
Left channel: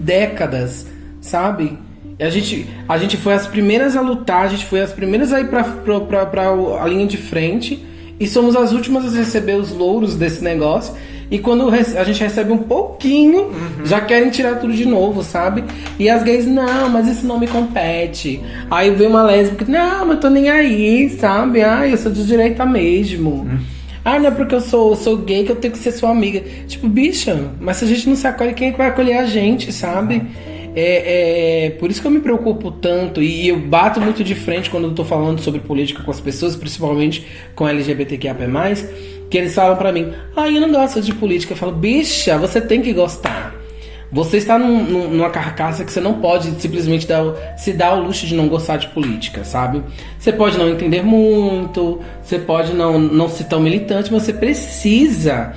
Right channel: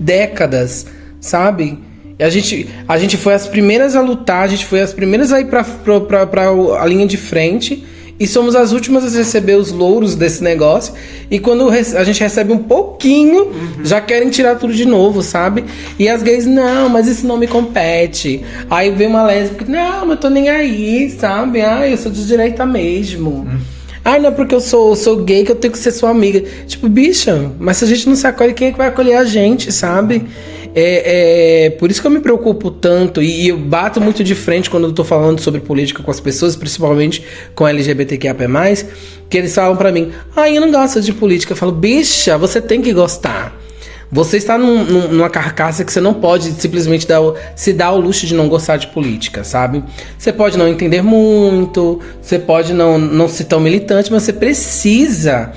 décadas, sabe? E a gente foi as primeiras a lutar, a gente foi as primeiras a ir pra a linha de frente. E somos as últimas a receber os louros desse negócio. E quando a gente recebe um pouquinho, já querem tirar tudo de novo, sabe? E as gays, não, mas isso não me compete. Aí vem uma lésbica, não, mas eu tô nem aí, sabe? Ai, eu sou de direita mesmo. Ai, não é porque eu sou gay que eu tenho que ser sua amiga. Tipo, bicha, mas se a gente não se acolhe, quem é que vai acolher a gente, sabe? Por isso que eu me preocupo tanto e eu bato muito de frente quando eu tô falando sobre política com as pessoas, principalmente com LGBTQIA+, que eles falam pra mim, eu não gosto de política. Eu falo, bicha, você tem que gostar. Você está numa carcaça que você não pode simplesmente se dar o luxo de não gostar de política, sabe? Você pode não entender muito, você pode não ser tão militante, mas você precisa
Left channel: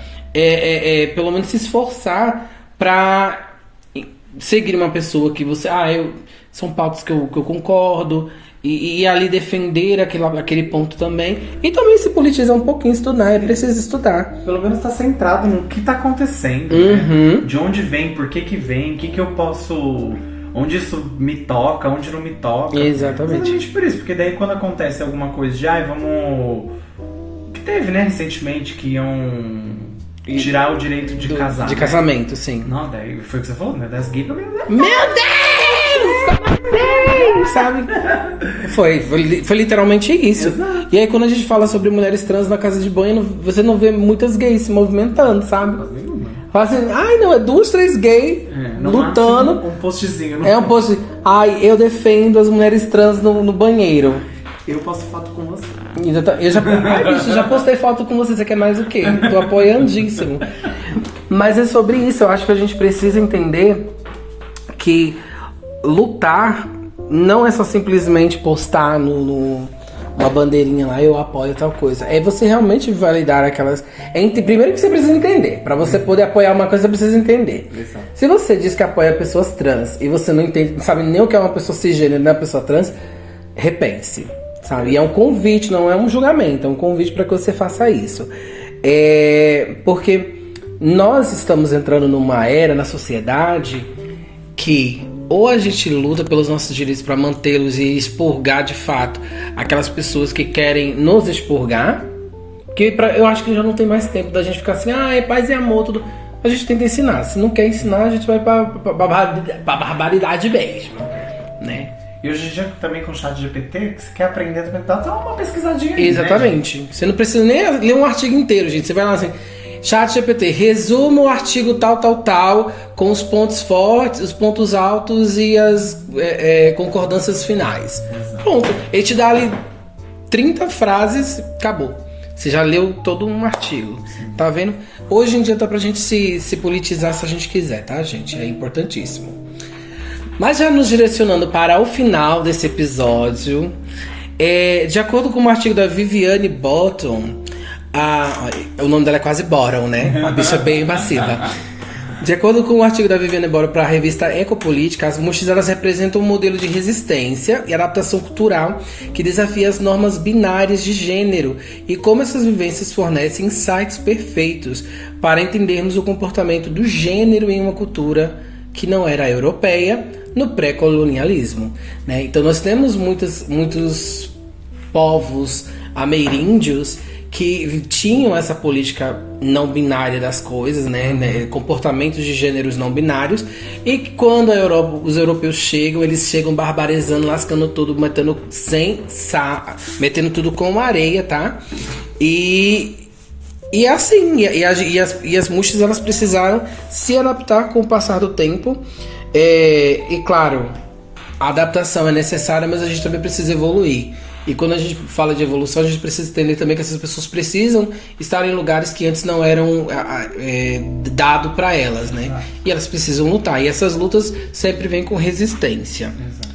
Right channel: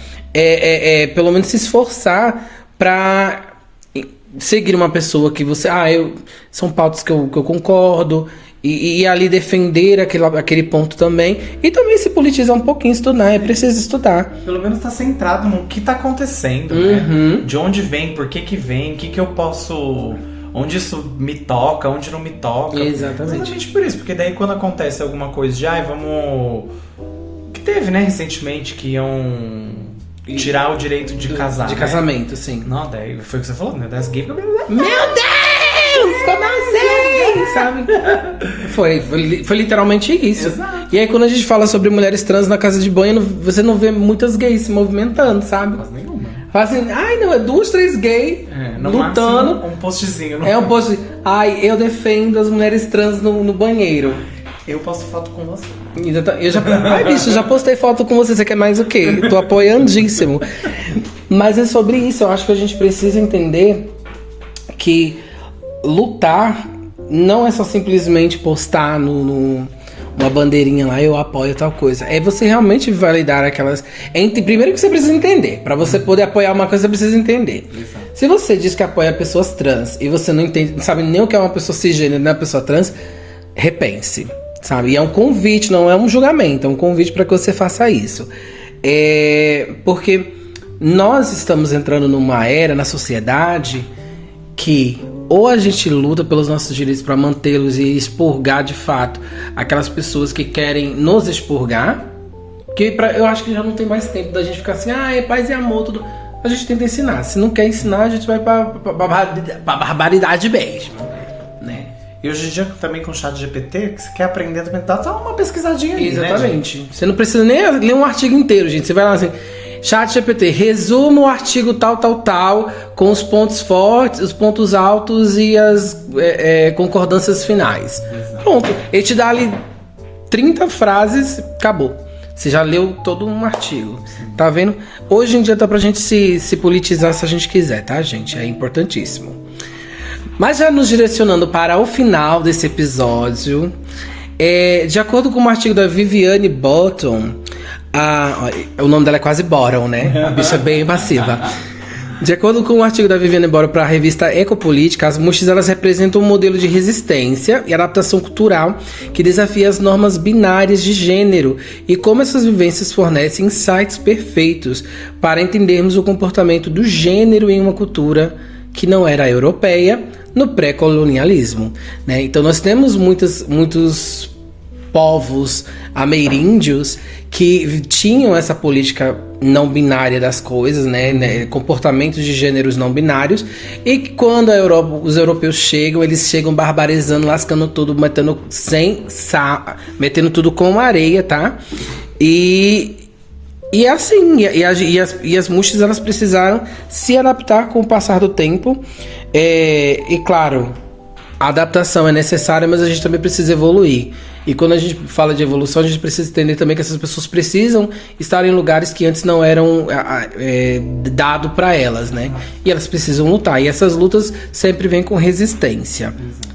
pelo menos se esforçar pra seguir uma pessoa que você... são pautas que eu concordo. E ali defender aquele ponto também. E também se politizar um pouquinho, estudar. É preciso estudar. Pelo menos tá centrado no que tá acontecendo, né? De onde vem, por que vem, o que eu posso... Onde isso me toca, onde não me toca. Exatamente. Exatamente por isso. Porque daí quando acontece alguma coisa de... vamos... Que teve, né, recentemente, que iam... tirar o direito de casar. De casamento, sim. Não, daí foi o que você falou, né? Das gays. Meu Deus! Como assim? Sabe? Foi literalmente isso. Exato. E aí quando a gente fala sobre mulheres trans na casa de banho, você não vê muitas gays se movimentando, sabe? Mas nenhuma. Fala assim, não, é 2, 3 gays lutando. Um postzinho. É um post. Eu defendo as mulheres trans no banheiro. Eu posto foto com você. Eu já postei foto com você quer mais o quê? Tô apoiandíssimo. Mas é sobre isso, eu acho que a gente precisa entender que lutar não é só simplesmente postar uma bandeirinha lá, eu apoio tal coisa. É você realmente validar aquelas... Primeiro que você precisa entender. Pra você poder apoiar uma coisa, você precisa entender. Exato. Se você diz que apoia pessoas trans e você não sabe nem o que é uma pessoa cisgênero, nem uma pessoa trans, repense. Sabe? E é um convite, não é um julgamento, é um convite para que você faça isso. Porque nós estamos entrando numa era na sociedade que ou a gente luta pelos nossos direitos para mantê-los e expurgar de fato aquelas pessoas que querem nos expurgar, que eu acho que já não tem mais tempo da gente ficar assim, é paz e amor, tudo. A gente tenta ensinar. Se não quer ensinar, a gente vai pra barbaridade mesmo, né? E hoje em dia também com o chat GPT, que você quer aprender, dá uma pesquisadinha aí. Exatamente. Né, você não precisa nem ler um artigo inteiro, gente. Você vai lá assim, chat GPT, resuma o artigo tal, com os pontos fortes, os pontos altos e as concordâncias finais. Exato. Pronto. Ele te dá ali 30 frases, acabou. Você já leu todo um artigo. Sim. Tá vendo? Hoje em dia dá pra gente se politizar se a gente quiser, tá, gente? É importantíssimo. Mas já nos direcionando para o final desse episódio, de acordo com um artigo da Viviane Bottom, o nome dela é quase Bottom, né? A bicha é bem massiva. De acordo com um artigo da Viviane Bottom para a revista Ecopolítica, as mushes elas representam um modelo de resistência e adaptação cultural que desafia as normas binárias de gênero e como essas vivências fornecem insights perfeitos para entendermos o comportamento do gênero em uma cultura que não era europeia no pré-colonialismo, né? Então nós temos muitos povos ameríndios que tinham essa política não binária das coisas, né? Comportamentos de gêneros não binários, e que quando os europeus chegam, eles chegam barbarizando, lascando tudo, metendo tudo com areia, tá? E assim, as mushes elas precisaram se adaptar com o passar do tempo. E claro, a adaptação é necessária, mas a gente também precisa evoluir. E quando a gente fala de evolução, a gente precisa entender também que essas pessoas precisam estar em lugares que antes não eram dado para elas, né? E elas precisam lutar. E essas lutas sempre vêm com resistência. Exato.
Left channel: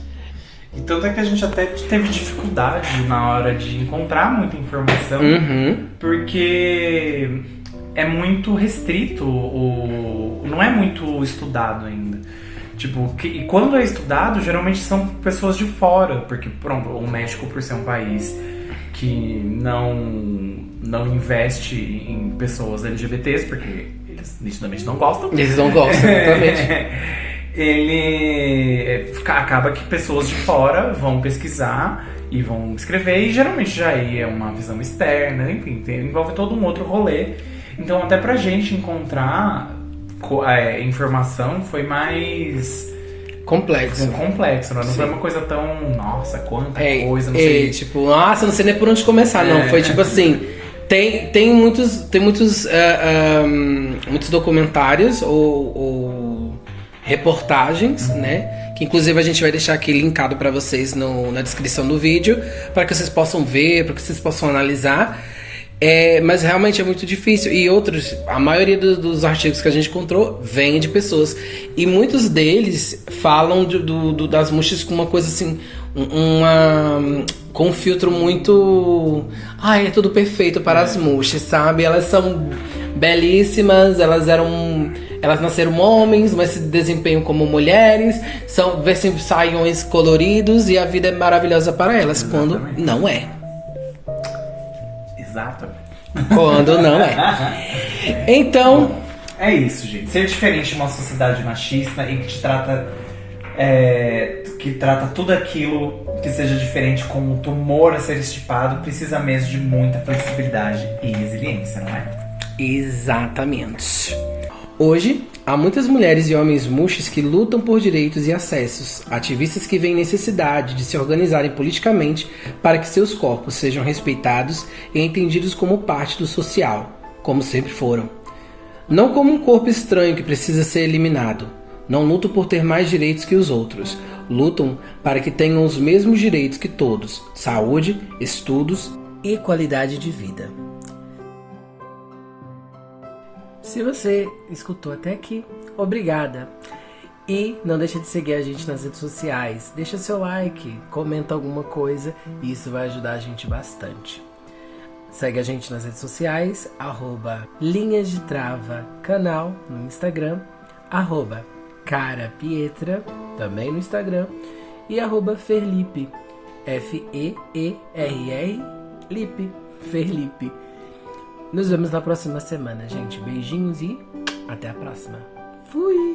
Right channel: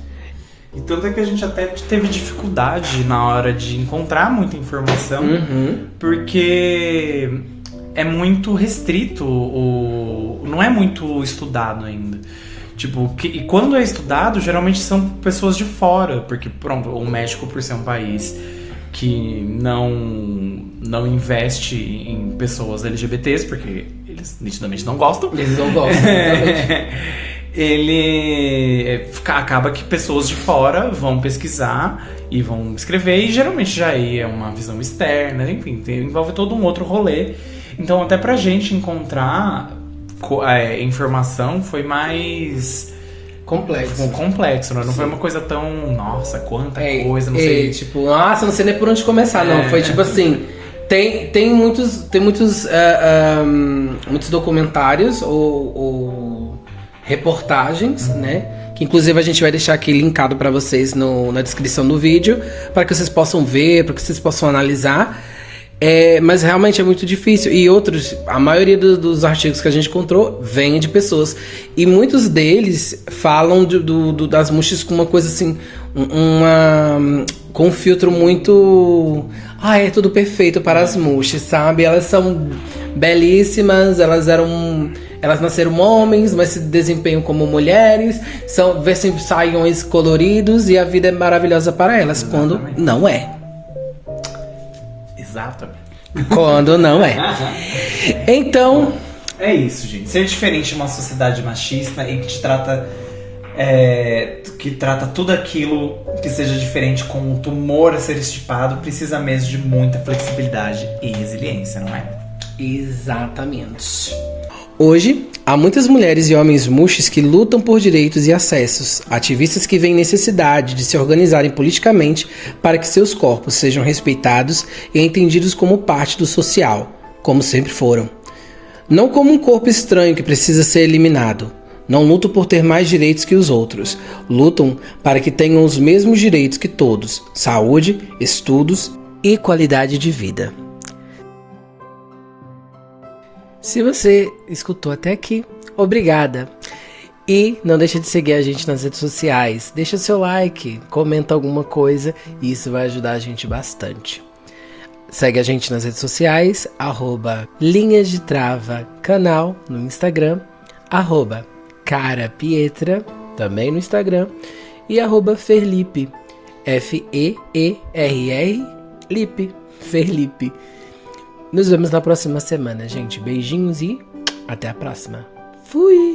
E tanto é que a gente até teve dificuldade na hora de encontrar muita informação, porque é muito restrito, não é muito estudado ainda. Tipo, e quando é estudado, geralmente são pessoas de fora, porque pronto, o México, por ser um país que não investe em pessoas LGBTs, porque eles nitidamente não gostam. Eles não gostam, exatamente. Ele acaba que pessoas de fora vão pesquisar e vão escrever, e geralmente já é uma visão externa, enfim, envolve todo um outro rolê. Então até pra gente encontrar informação foi mais complexo, né? Não foi uma coisa tão, nossa, quanta coisa, não sei. Tipo, nossa, não sei nem por onde começar, não. Foi tipo assim, tem muitos documentários ou reportagens, né? Que inclusive a gente vai deixar aqui linkado para vocês na descrição do vídeo, para que vocês possam ver, para que vocês possam analisar. Mas realmente é muito difícil. E a maioria dos artigos que a gente encontrou vem de pessoas. E muitos deles falam das muxes com uma coisa assim, com um filtro muito... é tudo perfeito para as muxes, sabe? Elas são belíssimas, elas nasceram homens, mas se desempenham como mulheres, vestem saiões coloridos e a vida é maravilhosa para elas. Exatamente. Quando não é. Exatamente. Quando não é. Então... É isso, gente. Ser diferente de uma sociedade machista e que trata tudo aquilo que seja diferente como um tumor a ser estipado, precisa mesmo de muita flexibilidade e resiliência, não é? Exatamente. Hoje, há muitas mulheres e homens muxes que lutam por direitos e acessos, ativistas que veem necessidade de se organizarem politicamente para que seus corpos sejam respeitados e entendidos como parte do social, como sempre foram. Não como um corpo estranho que precisa ser eliminado. Não lutam por ter mais direitos que os outros. Lutam para que tenham os mesmos direitos que todos: saúde, estudos e qualidade de vida. Se você escutou até aqui, obrigada! E não deixa de seguir a gente nas redes sociais. Deixa seu like, comenta alguma coisa e isso vai ajudar a gente bastante. Segue a gente nas redes sociais, @Linhas de Trava canal no Instagram, @Carapietra também no Instagram e @Ferlipe, FEERR Lipe, Ferlipe. Nos vemos na próxima semana, gente. Beijinhos e até a próxima. Fui!